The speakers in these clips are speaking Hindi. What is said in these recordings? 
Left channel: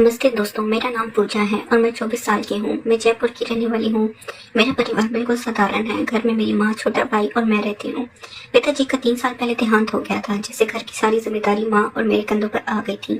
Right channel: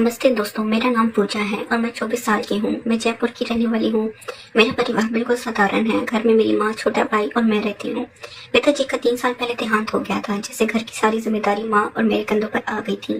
नमस्ते दोस्तों, मेरा नाम पूजा है और मैं 24 साल की हूँ। मैं जयपुर की रहने वाली हूँ। मेरा परिवार बिल्कुल साधारण है। घर में मेरी माँ, छोटा भाई और मैं रहती हूँ। पिताजी का 3 साल पहले देहांत हो गया था, जिससे घर की सारी जिम्मेदारी माँ और मेरे कंधों पर आ गई थी।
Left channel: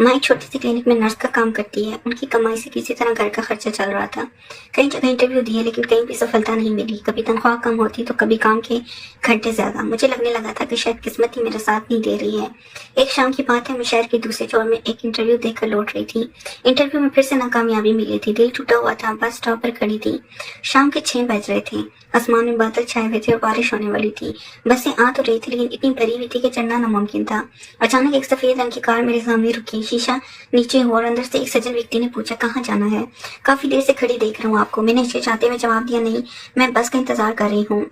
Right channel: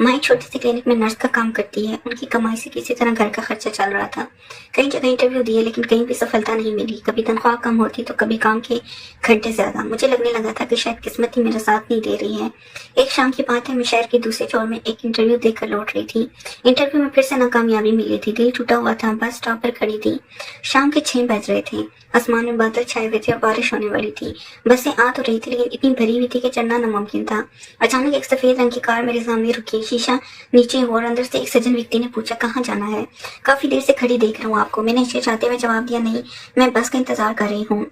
माँ एक छोटी सी क्लिनिक में नर्स का काम करती है। उनकी कमाई से किसी तरह घर का खर्चा चल रहा था। कई जगह इंटरव्यू दिए, लेकिन कहीं भी सफलता नहीं मिली। कभी तनख्वाह कम होती तो कभी काम के घंटे ज्यादा। मुझे लगने लगा था कि शायद किस्मत ही मेरा साथ नहीं दे रही है। एक शाम की बात है, मैं शहर के दूसरे छोर में एक इंटरव्यू देकर लौट रही थी। इंटरव्यू में फिर से नाकामयाबी मिली थी। दिल टूटा हुआ था। बस स्टॉप पर खड़ी थी। शाम के 6 बज रहे थे। आसमान में बादल छाए हुए थे और बारिश होने वाली थी। बसें आ तो रही थी, लेकिन इतनी भरी हुई थी कि चढ़ना नामुमकिन था। अचानक एक सफेद रंग की कार मेरे सामने रुकी। शीशा नीचे हुआ और अंदर से एक सज्जन व्यक्ति ने पूछा, कहाँ जाना है? काफी देर से खड़ी देख रहा हूँ आपको। मैंने हिचकिचाते हुए जवाब दिया, नहीं, मैं बस का इंतजार कर रही हूँ।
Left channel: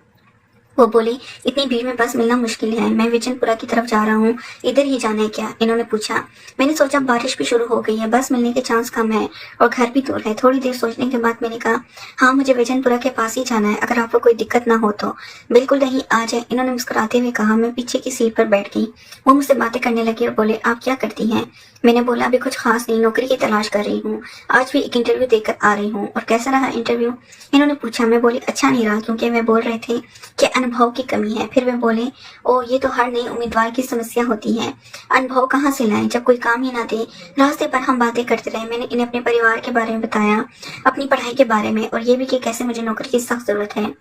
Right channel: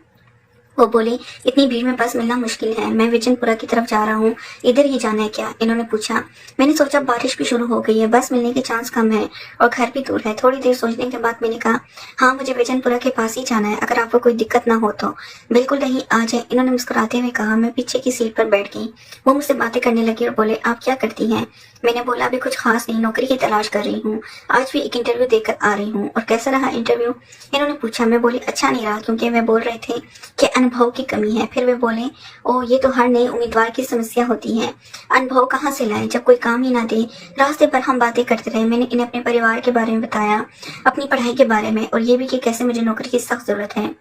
वो बोले, इतनी भीड़ में बस मिलना मुश्किल है। मैं विजनपुरा की तरफ जा रहा हूँ। इधर ही जाना है क्या? इन्होंने पूछा। मैंने सोचा बारिश भी शुरू हो गई है, बस मिलने के चांस कम है और घर भी दूर है। थोड़ी देर सोचने के बाद मैंने कहा, हाँ, मुझे विजनपुरा के पास ही जाना है। अगर आपको कोई दिक्कत ना हो तो। बिल्कुल नहीं, आ जाए, इन्होंने मुस्कुराते हुए कहा। मैं पीछे की सीट पर बैठ गई। वो मुझसे बातें करने लगी और बोले, आप क्या करती हैं? मैंने बोला, अभी कुछ खास नहीं, नौकरी की तलाश कर रही हूँ। आज भी एक इंटरव्यू देकर आ रही हूँ। और कैसा रहा इंटरव्यू? इन्होंने पूछा। मैं बोली, अच्छा नहीं रहा, क्योंकि वे बोल रहे थे कि अनुभव की कमी है। फिर वे बोले, ओ, ये तो हर नए उम्मीदवार की समस्या होती है। अनुभव कहाँ से लाएं जब कोई काम ही ना दे? रास्ते पर हम बातें करते रहे। मैंने इन्हें अपने परिवार के बारे में बताया, अपनी पढ़ाई के बारे में, और ये भी कि कैसे मुझे नौकरी की सख्त जरूरत है।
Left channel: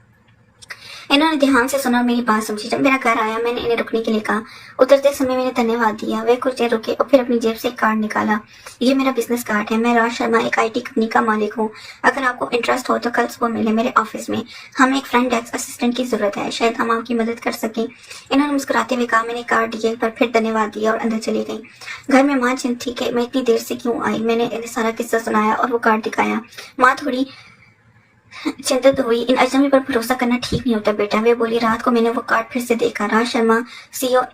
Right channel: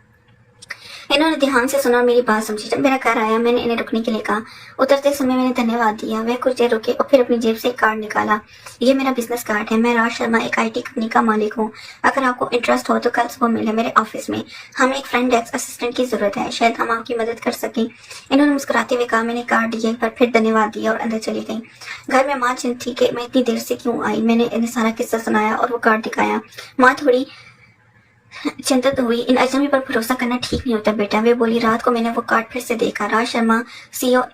इन्होंने ध्यान से सुना और मेरी बात समझी। जब मेरा घर आया, मैंने इन्हें रुकने के लिए कहा। उतरते समय मैंने धन्यवाद दिया। वे कुछ देर रुके और फिर अपनी जेब से एक कार्ड निकाला। ये मेरा बिजनेस कार्ड है। मैं राज शर्मा, एक IT कंपनी का मालिक हूँ। अगर आपको इंटरेस्ट हो तो कल सुबह मिले मेरे ऑफिस में। हमें एक फ्रंट डेस्क असिस्टेंट की जरूरत है। शायद हम आपकी मदद कर सकें। इन्होंने मुस्कुराते हुए कहा। मैंने कार्ड दिए, पर फिर धन्यवाद दिया और अंदर चली गई। घर में माँ चिंतित थी कि मैं इतनी देर से क्यों आई। मैंने इन्हें सारा किस्सा सुनाया और वो कार्ड दिखाया। माँ थोड़ी चिंतित हुई। इन अजनबी पर भरोसा करना ठीक नहीं होता बेटा, वे बोली। रात को मैंने वो कार्ड फिर से देखा। Raj Sharma, CEO,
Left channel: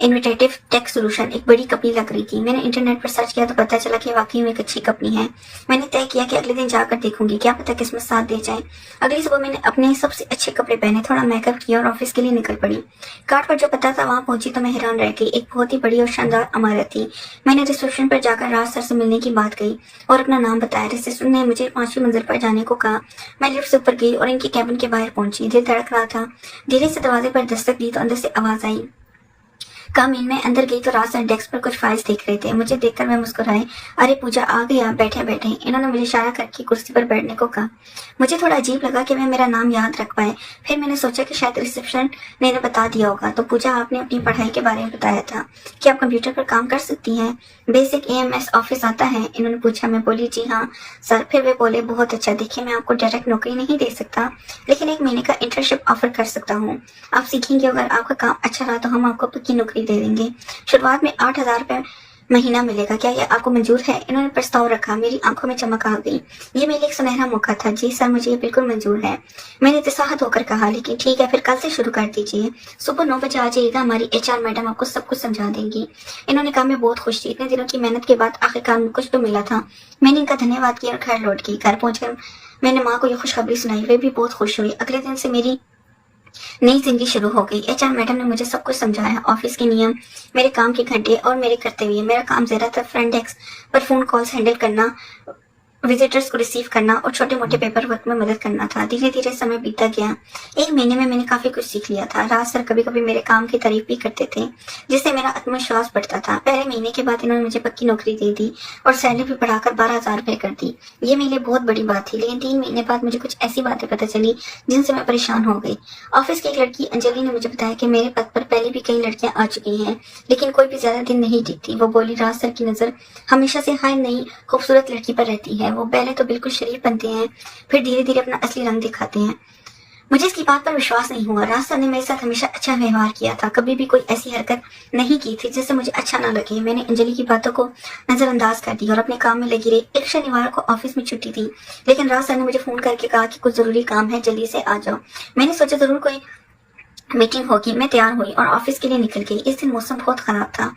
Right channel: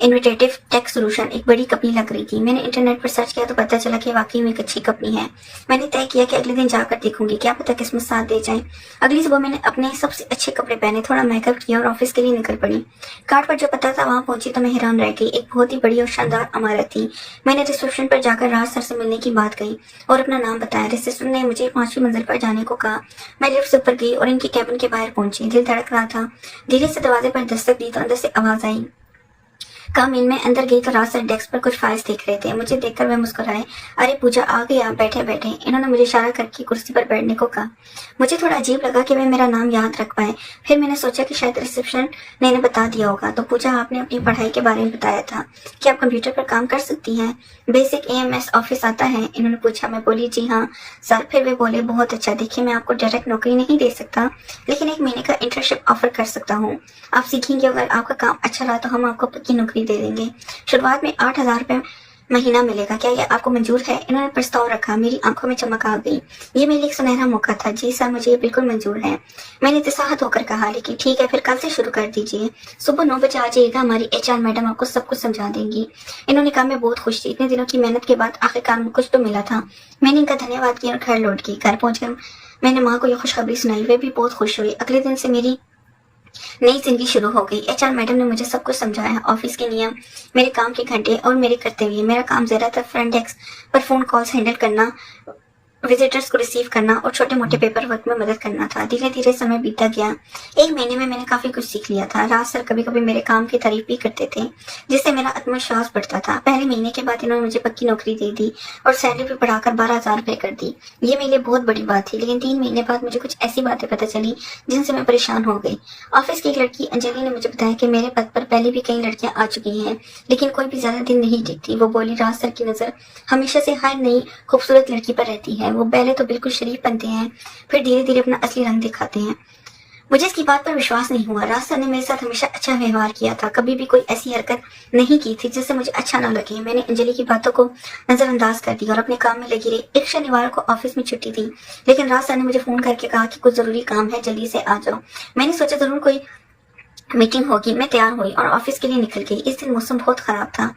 innovative tech solution, एक बड़ी कंपनी लग रही थी। मैंने इंटरनेट पर सर्च किया तो पता चला कि वाकई में एक अच्छी कंपनी है। मैंने तय किया कि अगले दिन जाकर देखूंगी, क्या पता किस्मत साथ दे जाए। अगली सुबह मैंने अपने सबसे अच्छे कपड़े पहने, थोड़ा मेकअप किया और ऑफिस के लिए निकल पड़ी। कार्ड पर जो पता था वहां पहुंची तो मैं हैरान रह गई। एक बहुत ही बड़ी और शानदार इमारत थी। मैंने रिसेप्शन पर जाकर राज सर से मिलने की बात कही और अपना नाम बताया। रिसेप्शन ने मुझे 5वीं मंजिल पर जाने को कहा। मैं लिफ्ट से ऊपर गई और इनकी कैबिन के बाहर पहुंची। दिल धड़क रहा था। धीरे से दरवाजे पर दस्तक दी तो अंदर से आवाज आई, कम इन। में अंदर गई तो राज सर डेस्क पर कुछ फाइल्स देख रहे थे। मुझे देखकर वह मुस्कुराए। अरे पूजा, आ गई आप, बैठे बैठे। इन्होंने मुझे इशारा करके कुर्सी पर बैठने को कहा। मुझे थोड़ा अजीब लगा कि वे मेरा नाम याद रख पाए। फिर मैंने सोचा कि शायद रिसेप्शन ने इन्हें बता दिया होगा। तो पूजा, आपने अपनी पढ़ाई के बारे में बताया था कि आप कंप्यूटर पर काम कर सकती हैं, बेसिक AMS ऑफिस आता है? इन्होंने पूछा। मैं बोली, जी हाँ सर। फिर वे बोले, बहुत अच्छा। देखिए, मैं आपको डायरेक्ट नौकरी नहीं दे सकता, लेकिन 1 महीने का इंटर्नशिप ऑफर कर सकता हूँ। आप सीखेंगे, अगर आपका काम अच्छा रहा तो हम आपको पक्की नौकरी दे देंगे। शुरुआत में 8,000 रुपए महीना मिलेगा। क्या ये आपको मंजूर है? इन्होंने प्रस्ताव रखा। मेरी आंखों में चमक आ गई। ये मेरे लिए एक सुनहरा मौका था। जी सर, मुझे बिल्कुल मंजूर है, मैंने इत्तेसाहत होकर कहा। लेकिन ठीक है, फिर कल से शुरू कर दीजिए। सुबह 9 बजे आ जाइएगा। हमारी HR मैडम आपको सब कुछ समझा देंगी। इन्होंने कहा। मैं बहुत खुश थी। इतने दिनों की मेहनत के बाद आखिरकार कुछ तो मिला था। मैंने इनका धन्यवाद किया और घर लौट गई। घर पहुंचकर मैंने माँ को ये खुशखबरी सुनाई। वे भी बहुत खुश हुई। अगले दिन से मेरी नई जिंदगी शुरू हो गई। HR मैडम ने मुझे सब कुछ समझाया, ऑफिस के नियम, मेरे काम के घंटे और मेरे कर्तव्य। मेरा काम ज्यादातर फ्रंट डेस्क पर फोन कॉल्स हैंडल करना, विजिटर्स को रिसीव करना और छोटे मोटे पेपर वर्क में मदद करना था। धीरे धीरे समय बीतता गया। 1 महीने में मैंने काफी कुछ सीख लिया था। राज सर कभी कभी मेरे काम की तारीफ भी करते थे, जिससे मेरा आत्मविश्वास बढ़ता था। पहले महीने के बाद इन्होंने मुझे पक्की नौकरी दे दी और सैलरी भी बढ़ाकर 12,000 रुपए कर दी। ये मेरे लिए बहुत बड़ी बात थी। लेकिन 3 महीने बाद मुझे कुछ ऐसी बातें पता चली जिनसे मैं परेशान हो गई। ऑफिस की एक लड़की अंजलि ने मुझे बताया कि मेरे पद पर पहले भी कई लड़कियां आ चुकी हैं, लेकिन कोई भी ज्यादा दिन नहीं टिकती। वो बोली, राज सर की नजर हमेशा से हर नई खूबसूरत लड़की पर रहती है। वो पहले तो बिल्कुल शरीफ बनते हैं, फिर धीरे धीरे अपना असली रंग दिखाते हैं। मुझे इसकी बात पर विश्वास नहीं हुआ। राज सर ने मेरे साथ हमेशा अच्छा व्यवहार किया था, कभी भी कोई ऐसी हरकत नहीं की थी जिससे मुझे अच्छा ना लगे। मैंने अंजलि की बातों को नजरअंदाज कर दिया और अपने काम में लगी रही। एक शनिवार को ऑफिस में छुट्टी थी, लेकिन राज सर ने मुझे फोन करके कहा कि कुछ जरूरी काम है, जल्दी से आ जाओ। मैंने सोचा जरूर कोई मीटिंग होगी। मैं तैयार हुई और ऑफिस के लिए निकल गई। इस दिन मौसम बहुत खराब था।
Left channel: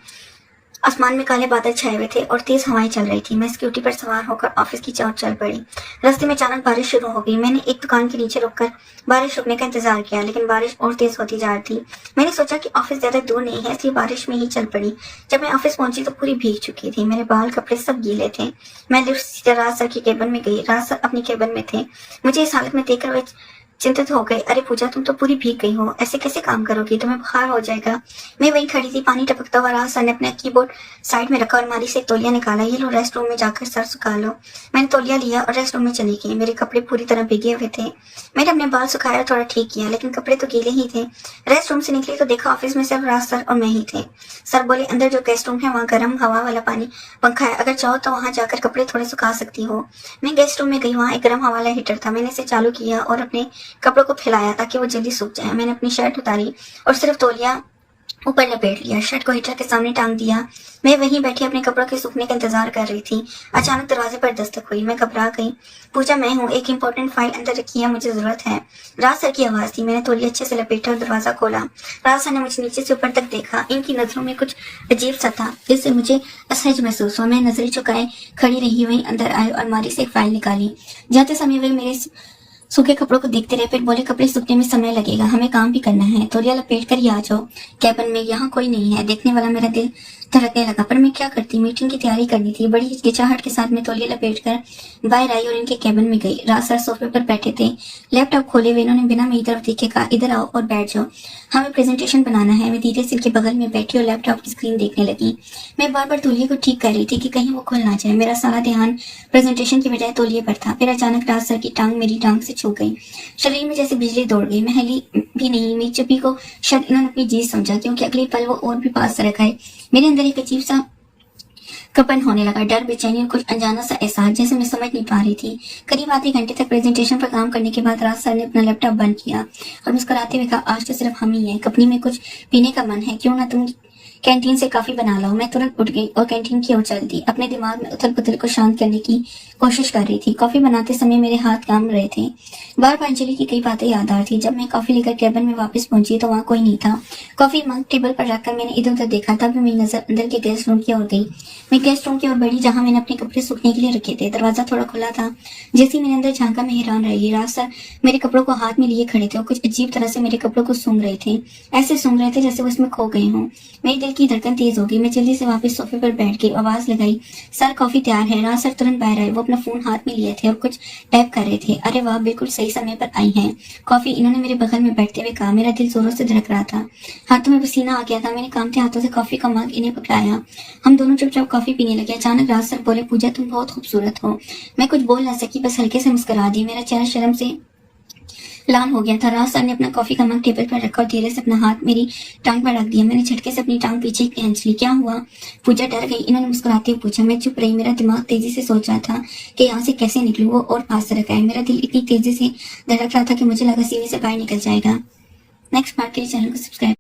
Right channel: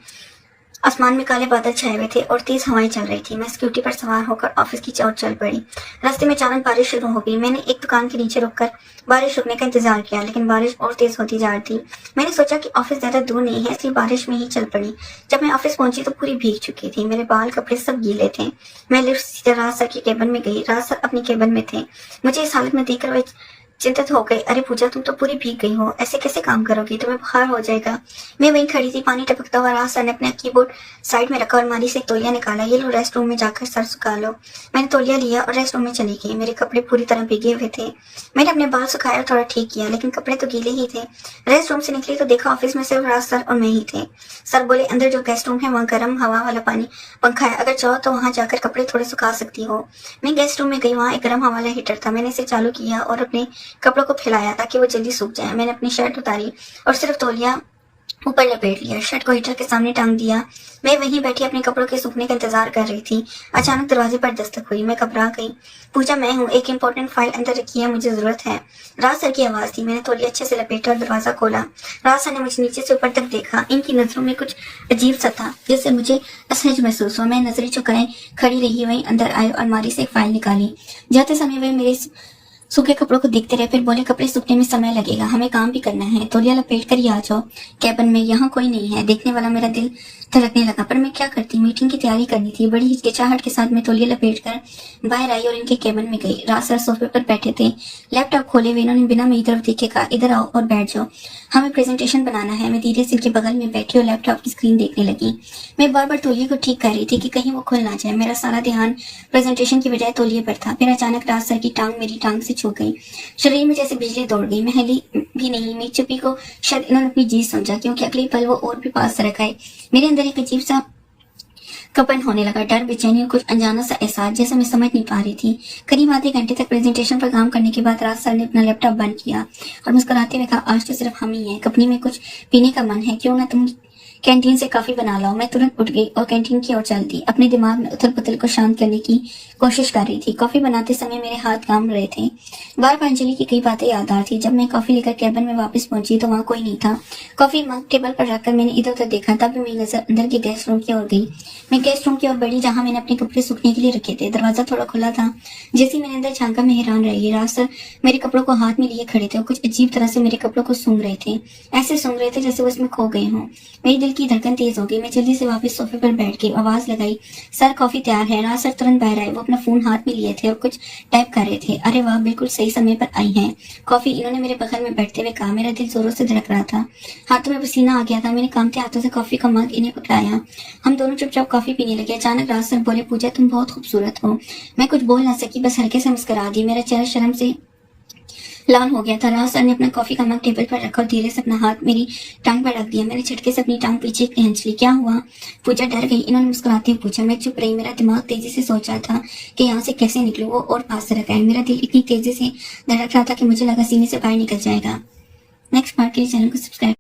आसमान में काले बादल छाए हुए थे और तेज हवाएं चल रही थी। मैं स्कूटी पर सवार होकर ऑफिस की ओर चल पड़ी। रास्ते में अचानक बारिश शुरू हो गई। मैंने एक दुकान के नीचे रुककर बारिश रुकने का इंतजार किया, लेकिन बारिश और तेज होती जा रही थी। मैंने सोचा कि ऑफिस ज्यादा दूर नहीं है, इसलिए बारिश में ही चल पड़ी। जब मैं ऑफिस पहुंची तो पूरी भीग चुकी थी। मेरे बाल कपड़े सब गीले थे। मैं लिफ्ट से राज सर की केबिन में गई। राज सर अपनी केबिन में थे। मुझे इस हालत में देखकर वे चिंतित हो गई। अरे पूजा, तुम तो पूरी भीग गई हो, ऐसे कैसे काम करोगी, तुम्हें बुखार हो जाएगा। मैं वहीं खड़ी थी, पानी टपकता हुआ। राज सर ने अपना कीबोर्ड साइड में रखा और अलमारी से एक तौलिया निकाला। ये लो, रेस्ट रूम में जाकर सर सुखा लो। मैंने तौलिया लिया और रेस्ट रूम में चली गई। मेरे कपड़े पूरी तरह भीगे हुए थे। मैंने अपने बाल सुखाया और थोड़ा ठीक किया, लेकिन कपड़े तो गीले ही थे। रेस्ट रूम से निकली तो देखा ऑफिस में सिर्फ राज सर और मैं ही थे। सर बोले, अंदर जो गेस्ट रूम है वहाँ गर्म हवा वाला पानी पंखा है, अगर चाहो तो वहाँ जाकर कपड़े थोड़े सुखा सकती हो। मैं गेस्ट रूम में गई। वहाँ एक गर्म हवा वाला हीटर था। मैंने इसे चालू किया और अपने कपड़ों को फैलाया ताकि वो जल्दी सूख जाए। मैंने अपनी शर्ट उतारी और सिर्फ तौलिया ऊपर लपेट लिया। शर्ट को हीटर के सामने टांग दिया। मैं वहीं बैठी अपने कपड़ों के सूखने का इंतजार कर रही थी। अचानक दरवाजे पर दस्तक हुई। मैं घबरा गई। पूजा, मैं हूँ, एक इम्पोर्टेंट फाइल अंदर रखी है, मुझे जरूरत है। राज सर की आवाज थी। मैंने तौलिया अच्छे से लपेटा और दरवाजा खोला। राज सर ने मुझे नीचे से ऊपर तक देखा। इनकी नजरों में कुछ अजीब सा था जिससे मुझे असहज महसूस हुआ। मैं नजरें झुकाए खड़ी रही। वहीं अंदर आए और अलमारी से एक फाइल निकाली। जाते समय वे मेरे सूखे कपड़ों को देखते रहे, फिर बोले, कपड़े सूखने में समय लगेगा, हमें काम भी करना है। तौलिया लपेट कर ही आ जाओ कैबिन में, यहाँ कोई नहीं है। देखने वाला मेरा दिल धड़कने लगा, पर मैं क्या करती। मीटिंग की तैयारी करनी थी। बड़ी हिचकिचाहट के साथ मैं तौलिया लपेट कर बाहर आई और इनके कैबिन में गई। राज सर सोफे पर बैठे थे, लैपटॉप खोले हुए। इन्होंने बिना मेरी तरफ देखे कहा, इधर आओ और बैठ जाओ, हमें प्रेजेंटेशन बनाना है। मैं धीरे से इनके बगल में बैठी और लैपटॉप की स्क्रीन देखने लगी। मैं बार बार तौलिया को ठीक कर रही थी कि कहीं वो खुल ना जाए। मेरा सारा ध्यान प्रेजेंटेशन की बजाय तौलिया पर था। फिर अचानक राज सर की टांग मेरी टांग से छू गई। शरीर में जैसे बिजली दौड़ गई। मैं हिली भी नहीं। मेरी चुप्पी को शायद इन्होंने अपनी जीत समझा, क्योंकि अगले पल वो और भी पास रख गए। मेरे अंदर एक अजीब सा कंपन होने लगा, डर, बेचैनी और कुछ अनजाना सा एहसास जैसे मैं समझ नहीं पा रही थी। करीब आधे घंटे तक प्रेजेंटेशन पर काम करने के बाद राज सर ने अपना लैपटॉप बंद किया और मुस्कुराते हुए कहा, आज तो सिर्फ हम ही हैं, कंपनी में कुछ पीने का मन है, क्यों ना तुम कैंटीन से काफी बना लाओ। मैं तुरंत उठ गई और कैंटीन की ओर चल दी। अपने दिमाग में उथल पुथल को शांत करने की कोशिश कर रही थी। कॉफी बनाते समय मेरे हाथ काम रहे थे। बार बार अंजलि की कई बातें याद आ रही थी। जब मैं कॉफी लेकर कैबिन में वापस पहुंची तो वहाँ कोई नहीं था। कॉफी मग टेबल पर रखकर मैंने इधर उधर देखा। तब मेरी नजर अंदर के गेस्ट रूम की ओर गई। मैं गेस्ट रूम की ओर बढ़ी जहाँ मैंने अपने कपड़े सूखने के लिए रखे थे। दरवाजा थोड़ा खुला था। जैसे मैंने अंदर झांका, मैं हैरान रह गई। राज सर मेरे कपड़ों को हाथ में लिए खड़े थे और कुछ अजीब तरह से मेरे कपड़ों को सूंघ रहे थे। ऐसे सूंघ रहे थे जैसे वो इसमें खो गए हों। मेरी दिल की धड़कन तेज हो गई। मैं जल्दी से वापस सोफे पर बैठ गई, आवाज लगाई, सर कॉफी तैयार है। राज सर तुरंत बाहर आए। वो अपना फोन हाथ में लिए थे और कुछ टाइप कर रहे थे। अरे वाह, बिल्कुल सही समय पर आई हैं कॉफी, इन्होंने मेरे बगल में बैठते हुए कहा। मेरा दिल जोरों से धड़क रहा था, हाथों में पसीना आ गया था। मैंने कांपते हाथों से कॉफी का मग इन्हें पकड़ाया। हम दोनों चुपचाप कॉफी पीने लगे। अचानक राज सर बोले, पूजा तुम बहुत खूबसूरत हो। मैं कुछ बोल ना सकी, बस हल्के से मुस्कुरा दी। मेरा चेहरा शर्म से लाल हो गया था। राज सर ने अपना कॉफी का मग टेबल पर रखा और धीरे से अपना हाथ मेरी टांग पर रख दिया। मैंने झटके से अपनी टांग पीछे खींच ली। क्या हुआ? पूजा डर गई। इन्होंने मुस्कुराते हुए पूछा। मैं चुप रही। मेरा दिमाग तेजी से सोच रहा था कि यहाँ से कैसे निकलूं। वो और पास रखा है। मेरा दिल इतनी तेजी से धड़क रहा था कि मुझे लगा सीने से बाहर निकल जाएगा। नेक्स्ट पार्ट के लिए चैनल को सब्सक्राइब